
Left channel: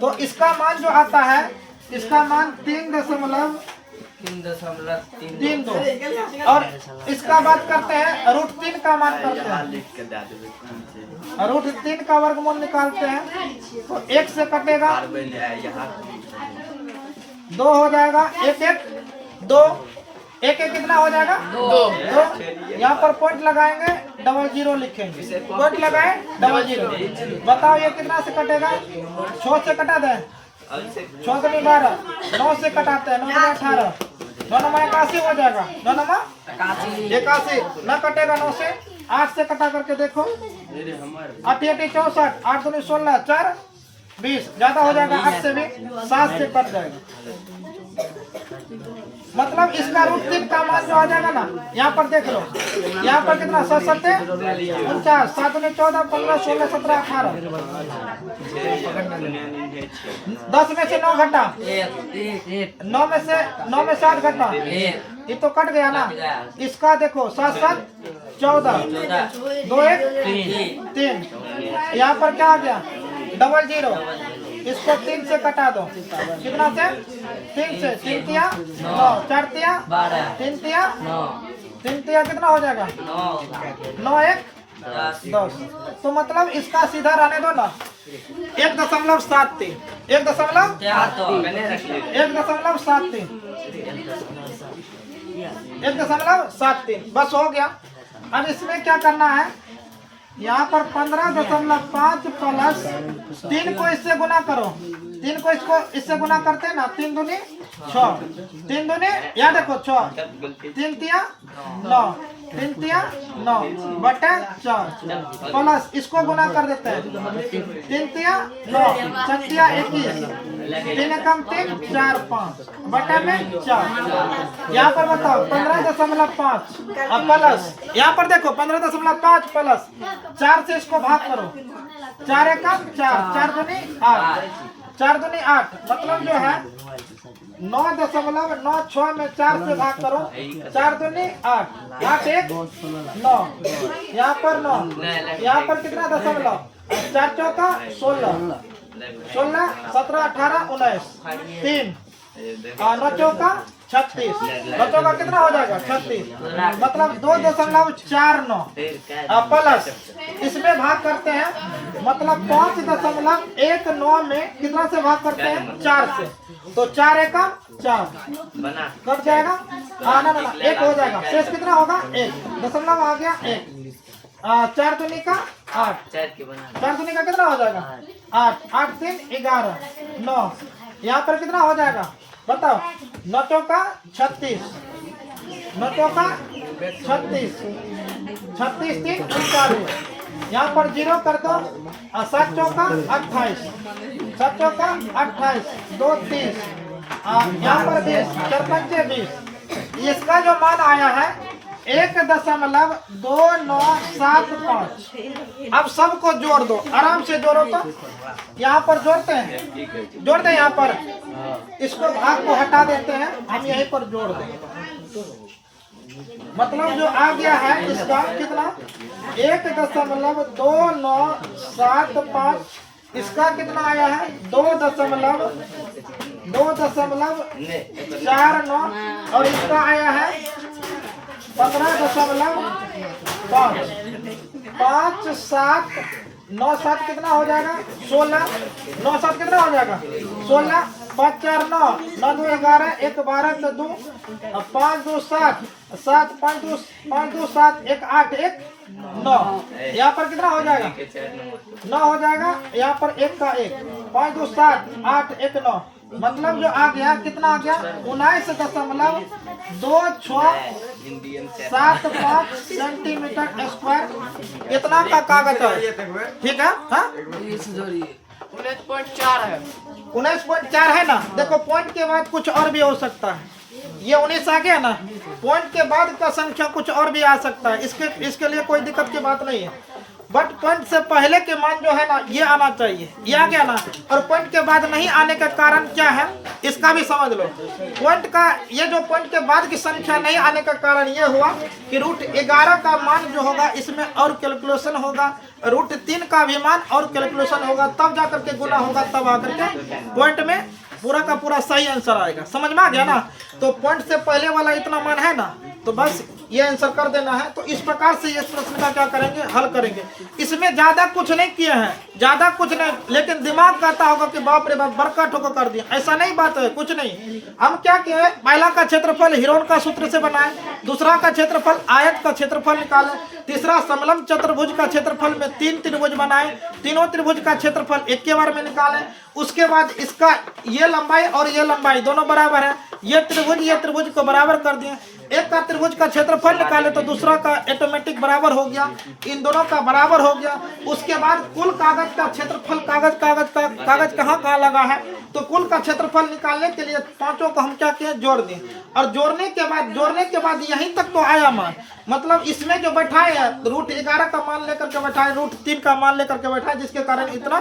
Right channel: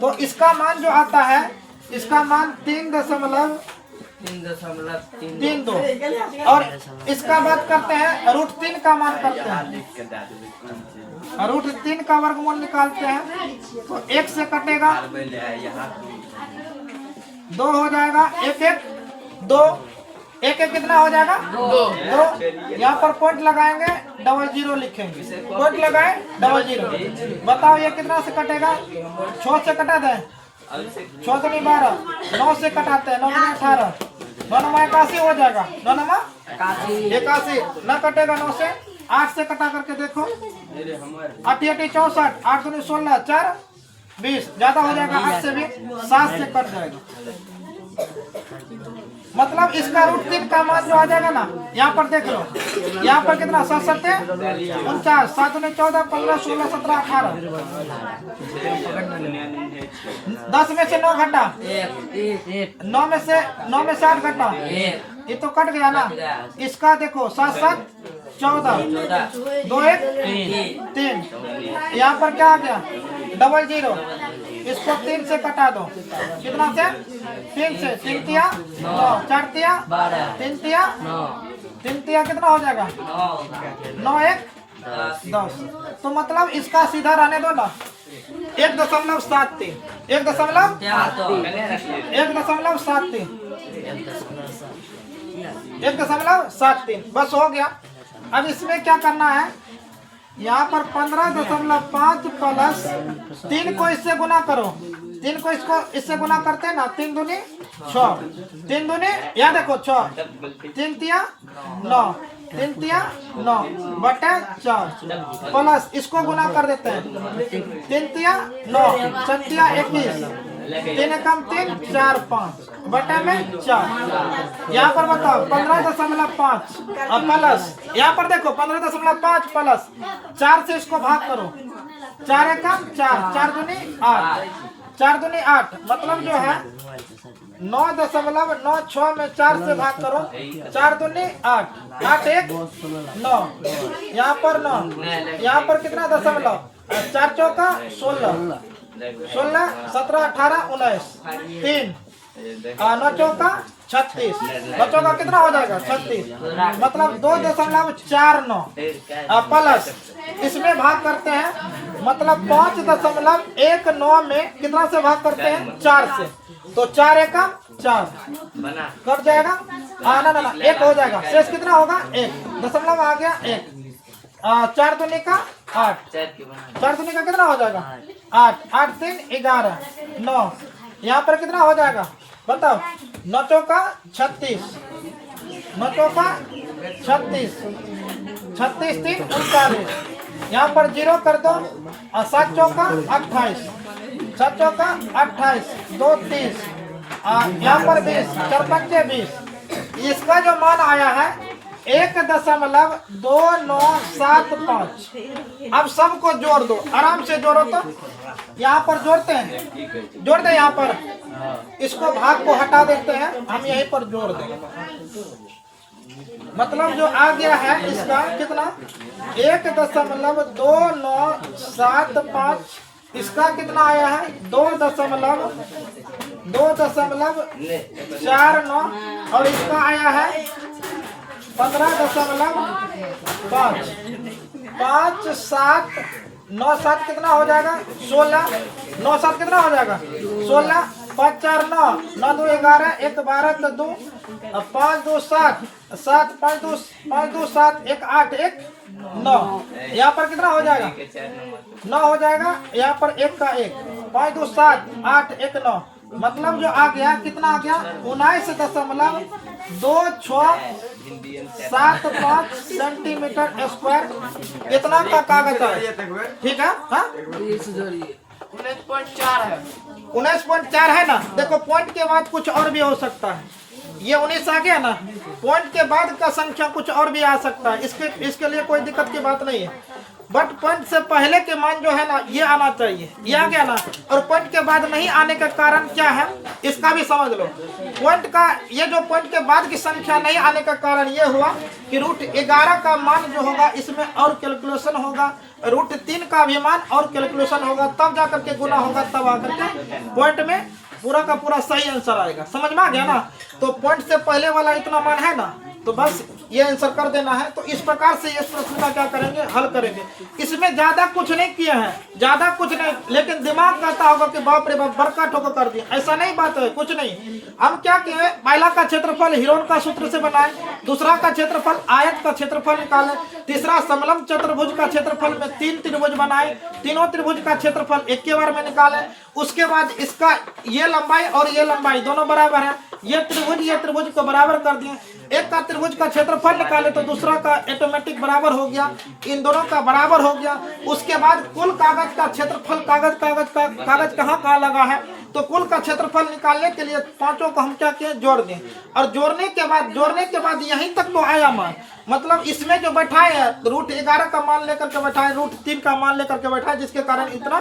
तो इसका मान जो आता है, इसका मान 3.32 और इसका बात करते हैं √3 का मान करते हैं। √3 का वर्गमूल निकालते हैं तो 1 से कटेगा 2 हो जाएगा, 1 1 2, 1 1 कितना हो जाएगा? 2। यहाँ पर पॉइंट लगाएंगे, डबल जीरो लिखेंगे, पॉइंट लगाए डबल जीरो। बताओ ये कितना से कटेगा? 6 से कटा दें, 6 से 12, 9 से कटाते हैं, 9 में 18, 9 में 81 हो जाएगा। 9 में 81 न कटेगा। 9 से 8 से कटा करके देखो, 8 8 64, 8 2 16, 4 20 ज्यादा हो जाएगा। 8 से भी 7 से कट जाएगा। मतलब इसका √3 का मान जो आ जाएगा ना, यहाँ पर देख लो, यहाँ पर कितना 7 7 49, 7 में 14, 15, 16, 17, 18। 10 में से 9 घटा, 9 में से 8 घटा, ये तो कट गया ना। इसका देखो 7 7 14, 2 1 3। यहाँ पर क्या आ गया? Double zero. इसको 3 से कटा दो, कितना से? 3 से। 3 तिया 9, 4 तिया 3 तिया 3 तिया कितना हो जाएगा? 9 1 10। तो मतलब इसका सीधा रहने दो ना, 1.73 1.73 बस हो गया। अब इसमें क्या करना है? यहाँ पर 15.5 प्लस 3 को इससे गुना करो। 3 को इससे गुना करते हैं ना, 3 दूनी 6, 3 दूनी यहाँ देखो 6, 3 तिया 9, 3 तिया 9 बटे 4 प्लस इसको गुना कर देते हैं। 3 तिया 9, 6 तिया 21, 3 कम 3 4 5 बटे में 4। यहाँ पर बताओ 15.5 प्लस, यहाँ पर देखो 15.5 प्लस 4 से इसको भाग करो। 4 कम 4, 4 दूनी 8, 4 दूनी 8 मतलब जो है 9.96 में 4 से भाग करो। 4 दूनी 8, 8 1 9, यहाँ पर 9, यहाँ पर कितना दशमलव? 4 चौका 16, 16 17 18 19, 3 9 चौका 36, 9 चौका कितना हो जाएगा? 36 मतलब 2.49 प्लस इसमें भाग करते हैं, मतलब 5.19 में कितना से भाग करते हैं? 4 से। तो 4 1 4 कट जाएगा। ना 1 हो जाएगा। शेष कितना होगा? 1 दशमलव आ गया 1। 4 दूनी का 8, 4 दूनी का कितना हो जाएगा? 8, 8 3 11 9, यहाँ पर कितना हो जाएगा? बताओ। 9 चौका 36, 9 चौका 36, 36 3 39, यहाँ पर 0 कर दो। 7 चौका 28, 7 चौका 28, 2 30, यहाँ पर 20, 4 पंचे 20। इसका जो मान आया है 1.2975। अब सबको जोड़ दो, आराम से जोड़ो। तो यहाँ पर जोड़ते हैं, जोड़ दे यहाँ पर, इसको भाग को हटा देते हैं, हम यहीं पर जोड़ देंगे। मतलब जो आ गया है इसका कितना 1.2975। इसका कितना आया है 2.49 और इसका आया है 15.5। 5 7 9 7 कितना हो जाएगा 16। 9 7 कितना हो जाएगा 16। 5 4 9 9 2 11 1 12 2 5 2 7 7 5 2 7 1 8 1 9। यहाँ पर कितना हो जाएगा 9 हो जाएगा। यहाँ पर 1 का 1 5 2 7 8 1 9। मतलब जो आ गया कितना आ गया 19.2675 सेंटीमीटर स्क्वायर। इतना का कागज है, ठीक है। हाँ 19.4 है। 19.4 है ना। देखो पॉइंट के बाद कुछ और भी हो सकता है। ये 19 आ गया ना, पॉइंट के बाद का संख्या कुछ और भी आ सकता है। इसके लिए कोई दिक्कत की बात नहीं है। बट पॉइंट से पहले के मान जो है ना ये आना चाहिए, ये आ गया ना। और पॉइंट के बाद नहीं आने का कारण क्या है इसका भी समझ लो। पॉइंट का ये जो पॉइंट के बाद की संख्या नहीं आने का कारण ये हुआ कि √11 का मान जो होगा इसमें और कैलकुलेशन होगा, √3 का भी मान और कैलकुलेशन होगा, तब जाकर के गुना होगा, तब आकर के पॉइंट में पूरा का पूरा सही आंसर आएगा। समझ में आ गया ना। तो पॉइंट से पहले वाला इतना मान है ना, तो बस ये आंसर कर देना है। तो इस प्रकार से इस प्रश्न का क्या करेंगे, हल करेंगे। इसमें ज्यादा कुछ नहीं किए हैं, ज्यादा कुछ नहीं, लेकिन दिमाग कहता होगा कि बाप रे बाप बरका ठोकर कर दिया। ऐसा नहीं बात है, कुछ नहीं। हम क्या किए, पहला का क्षेत्रफल हिरोन का सूत्र से बनाए, दूसरा का क्षेत्रफल आयत का क्षेत्रफल निकाले, तीसरा समलंब चतुर्भुज का क्षेत्रफल में 3 त्रिभुज बनाए, तीनों त्रिभुज का क्षेत्रफल एक के बार में निकाले। उसके बाद इसका ये लंबाई और ये लंबाई दोनों बराबर है, ये त्रिभुज को बराबर कर दिए। एक का त्रिभुज का क्षेत्रफल निकाले तो दूसरा का ऑटोमेटिक बराबर हो गया, इन दोनों का बराबर हो गया। उसके बाद कुल कागज का क्षेत्रफल, कागज कहाँ लगा है, तो कुल का क्षेत्रफल निकालने के लिए पांचों को हम क्या किए, जोड़ दिए। और जोड़ने के बाद यहीं तक तो आया मान। मतलब इसमें जो बैठाए है √11 का मान लेकर के बैठाए, √3 का मान लेकर के बैठाए, जिसके कारण इतना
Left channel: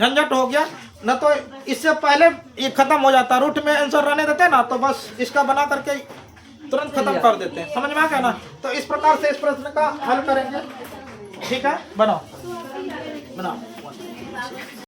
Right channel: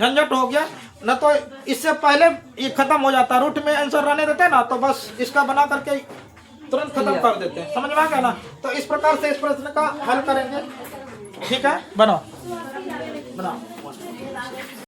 झंझट हो गया। न तो इससे पहले ये खत्म हो जाता, रूट में आंसर रहने देते ना, तो बस इसका बना करके तुरंत खत्म कर देते हैं। समझ में आ गया ना। तो इस प्रकार से इस प्रश्न का हल करेंगे, ठीक है। बनाओ।